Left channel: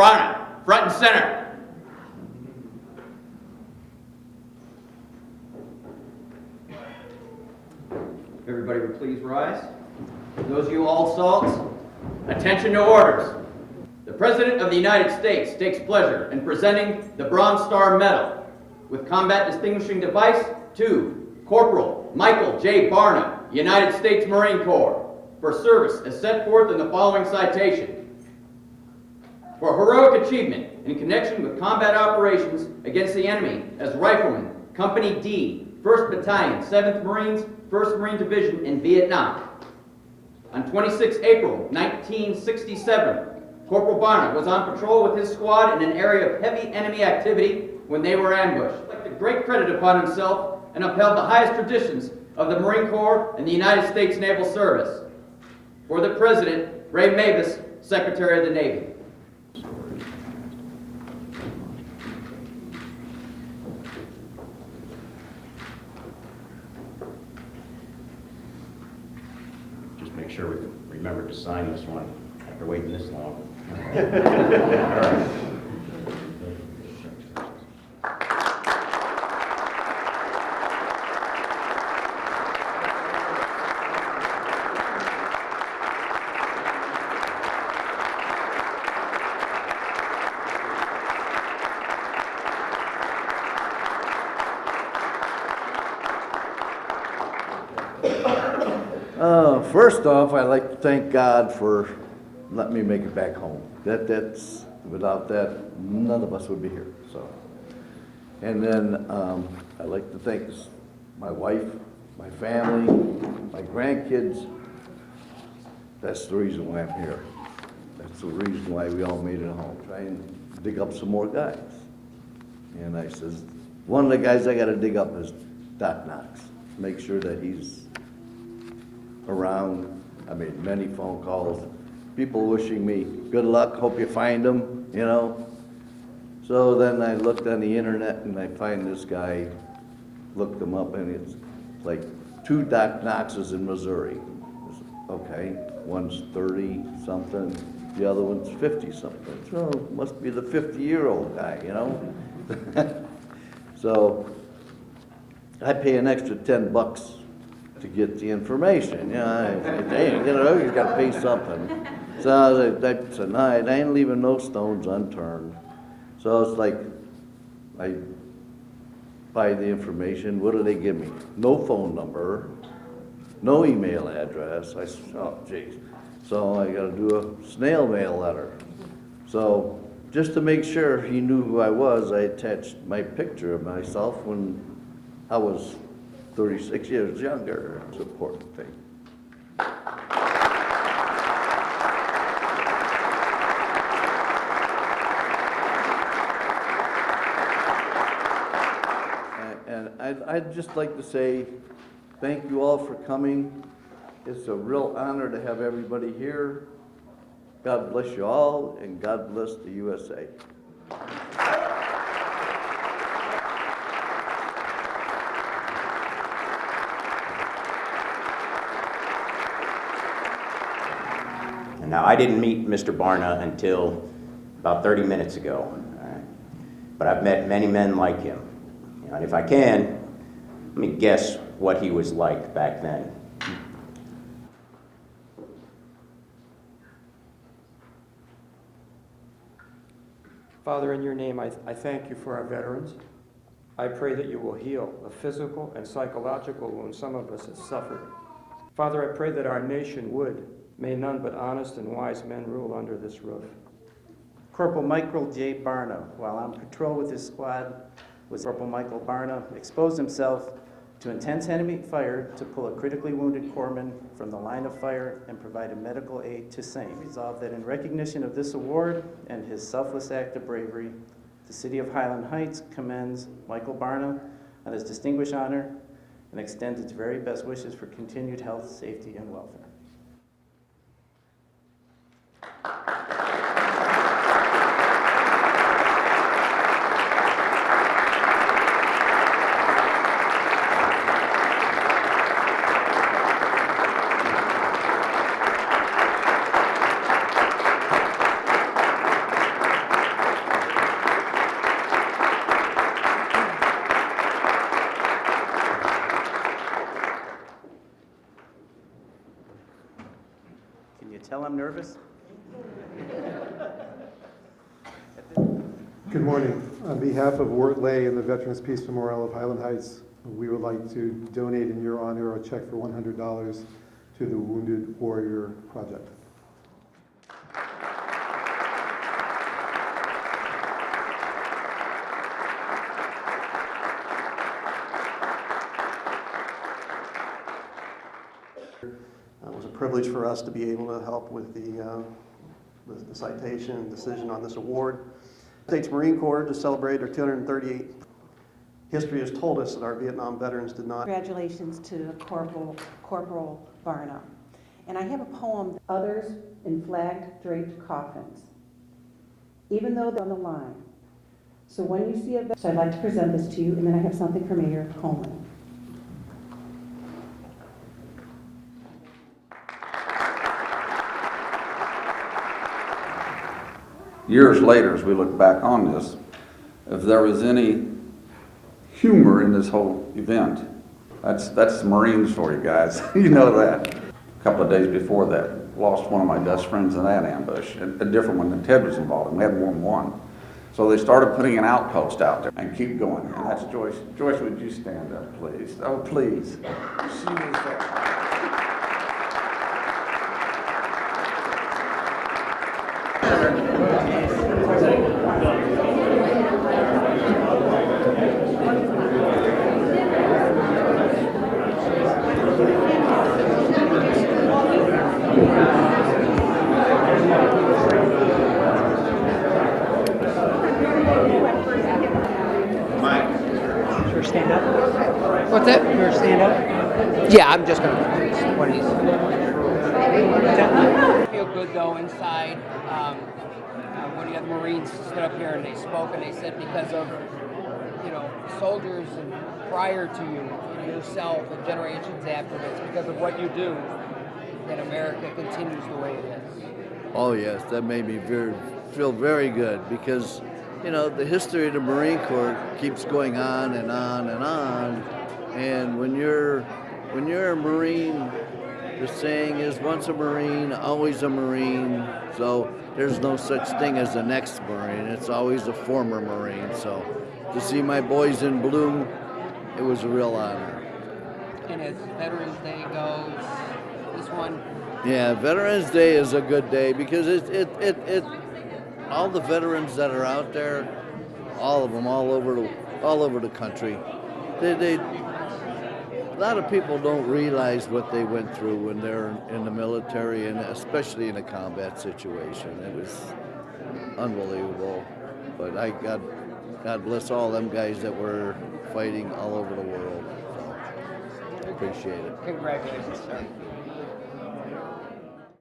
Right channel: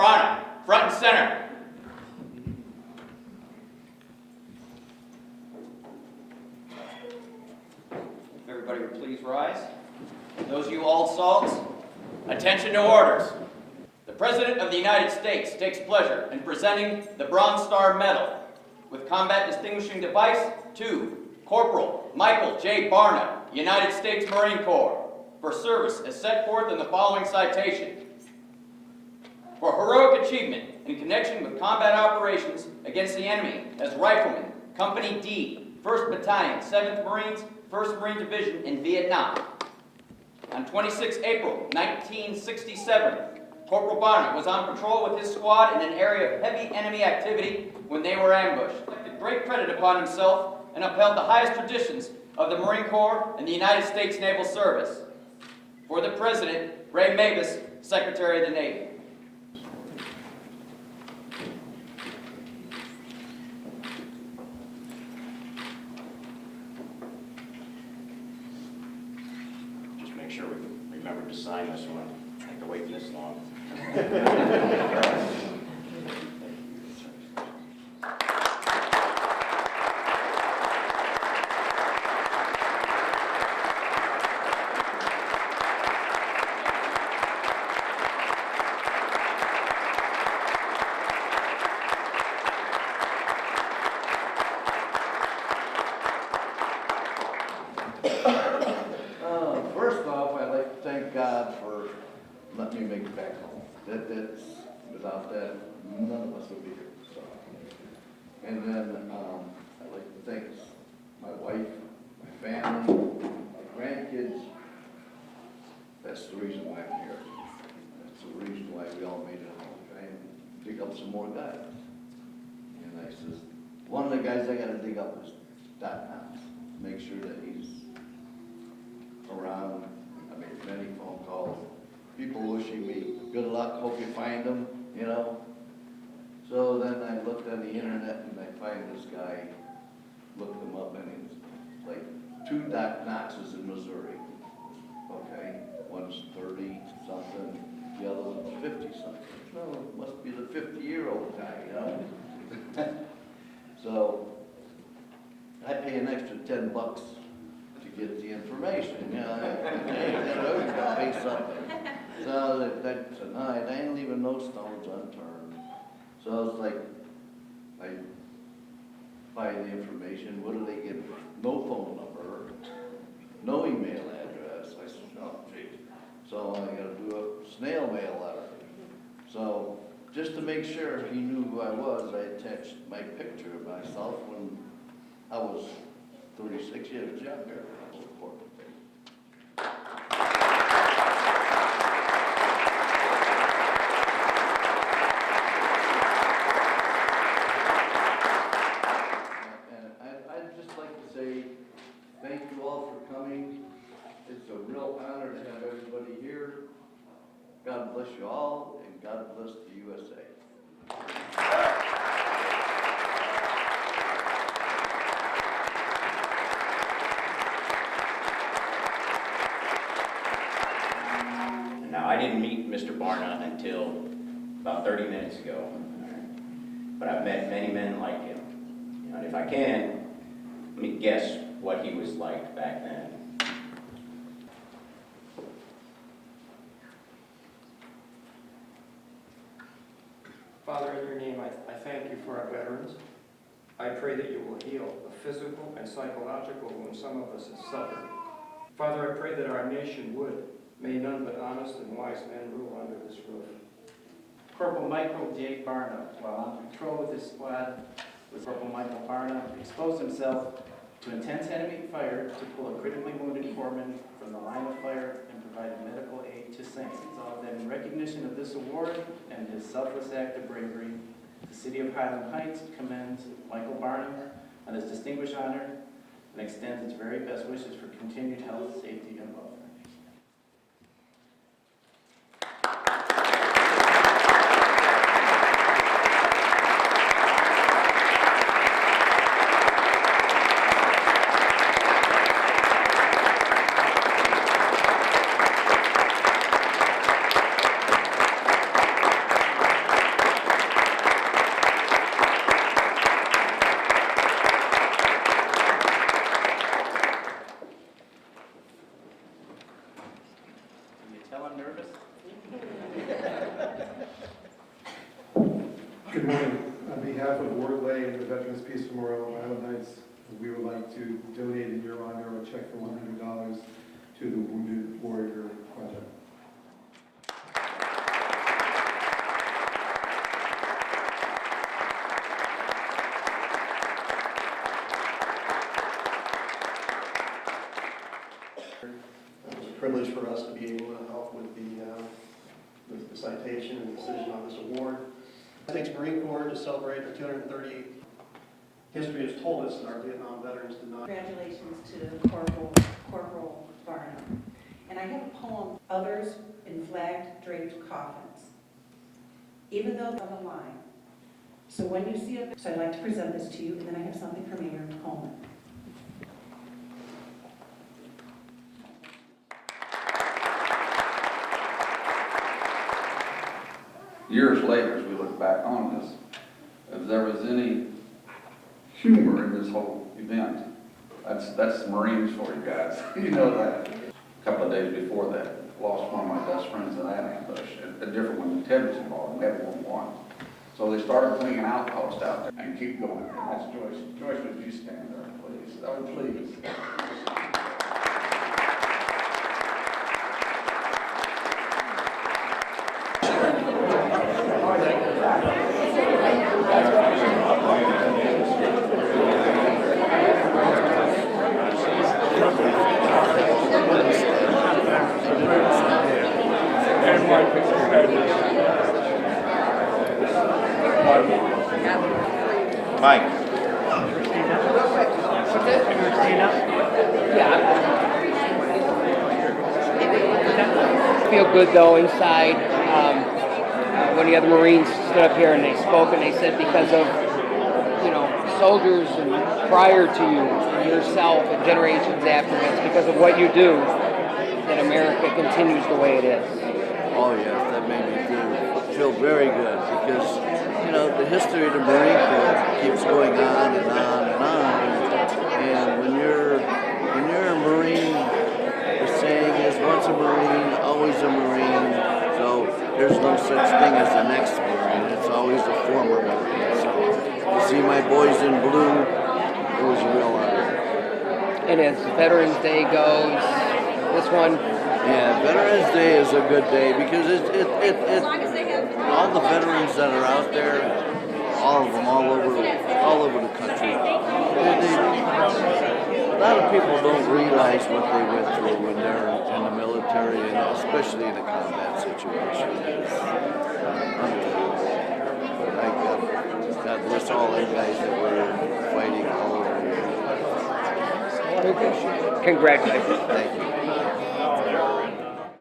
Barna, front and center. Everybody would please rise. Those of you all salts, attention to orders. The President of the United States takes pleasure in presenting the Bronze Star Medal with Combat Distinguishing Device to Corporal Michael J. Barna, United States Marine Corps, for service as set forth in the following citation. For heroic achievement in connection with combat operations against the enemy as Rifleman, Company D, 1st Battalion, 7th Marines, 1st Marine Division in Vietnam. On 26 April 1967, Corporal Barna was on patrol with his squad in an area of heavy enemy activity when they were ambushed. He took great credit upon himself and upheld the highest traditions of the Marine Corps and the United States Naval Service. For the President, Ray Mabus, Secretary of the Navy. Just make sure we remember to sign this one after waiting this long. First off, I'd like to thank God for letting me make it back home. That's without that, none of us would be here. So, and then I'd like to thank my wife, my family, my grandkids. That's the reason why I'm here. That's the reason why we all made it home. Try and dig up some more guys. And I says, one of the guys I got to dig up is Doc Knox. Make sure that he's around. I made many phone calls, people wishing me good luck, hope you find him, you know. So then I looked on the internet and I find this guy, looked him up, and it's like 2 Doc Knoxes in Missouri. Okay, one's 30 something, the other one's 50 something. So must be the 50-year-old guy, you know. So I pay an extra $10 to get the information. You know, you got to pay something. So that's a night. I ain't leaving no stones unturned. So it's like, I buy the information. What do they give me? No phone number, no email address. I said, oh, geez. So I got to do a snail mail letter. So just to make sure he knew who I was, I attached my picture of myself when I was 36 years younger. It's an important thing. And I'd just like to say thank you all for coming. It's a real honor to have everybody here. God bless you all, and God bless the USA. Now, I didn't meet Mr. Barna until about 30 minutes ago, all right? But I've met many men like him. And if I can, let me guess what he was like back then. Father, in your name, I thank you for our veterans. I pray that you will heal the physical and psychological wounds some of us have suffered. Father, I pray that our nation would. May none but honest and wise men rule under this roof. Corporal Michael J. Barna, while on patrol with his squad, Corporal Michael Barna exposed himself to intense enemy fire to pull a critically wounded corpsman from the line of fire and provided medical aid to Saint. Resolved that in recognition of this award and his selfless act of bravery, the City of Highland Heights commends Michael Barna on this distinguished honor and extends its very best wishes for continued health, safety, and welfare. Good morning. On behalf of Wart Lay and the Veterans Peace Memorial of Highland Heights, we would like to donate in your honor a check for $100 to the Wounded Warrior Project. It was a privilege for us to be able to help with the citation and decision on this award. States Marine Corps just celebrated their 238th. History has told us that our Vietnam veterans did not. Congratulations to Corporal Barnum. And I have a poem, Others in Flag Draped Coffins, even though they're on the line. So when you see so I'd like to present this to you, and then I have something for Mayor Coleman. Years later, as we look back on this, if there was any humor in this whole event, that's the Marines for you guys. You know that. A couple of days before that, lost one of my best friends in that ambush, a different one than Ted was involved in. We had more than one. So they started putting an outpost out there and keep going. And that's Joyce. Joyce, would you stand up, please? Oh, please. She is there. Mike. Stand up. What's that? You're gonna stand up? Yeah, I'm just gonna. I feel good though inside. One of the other Marines stood up here and they spoke and they said because of, soldiers and prior to you, and yourself and generations after, it's because of what you do that America continues the way it is. Oh yes, that made me feel very good because, the history of the Marine Corps keeps going on and on and on. And when you're a Marine, the saying is once a Marine, always a Marine. So there's no such thing as an ex-Marine. It's always a former Marine. So to see my boys in blue, it was a real honor. And as Veterans Day goes, this one. Yeah, Veterans Day is a good day because it all the veterans that are out there, all of them, all over the country. A lot of people don't realize what they went through when they're in the military, and especially in a combat situation. It's unbelievable. Thank God bless all them guys that were fighting all over the world. Congratulations. Thank you.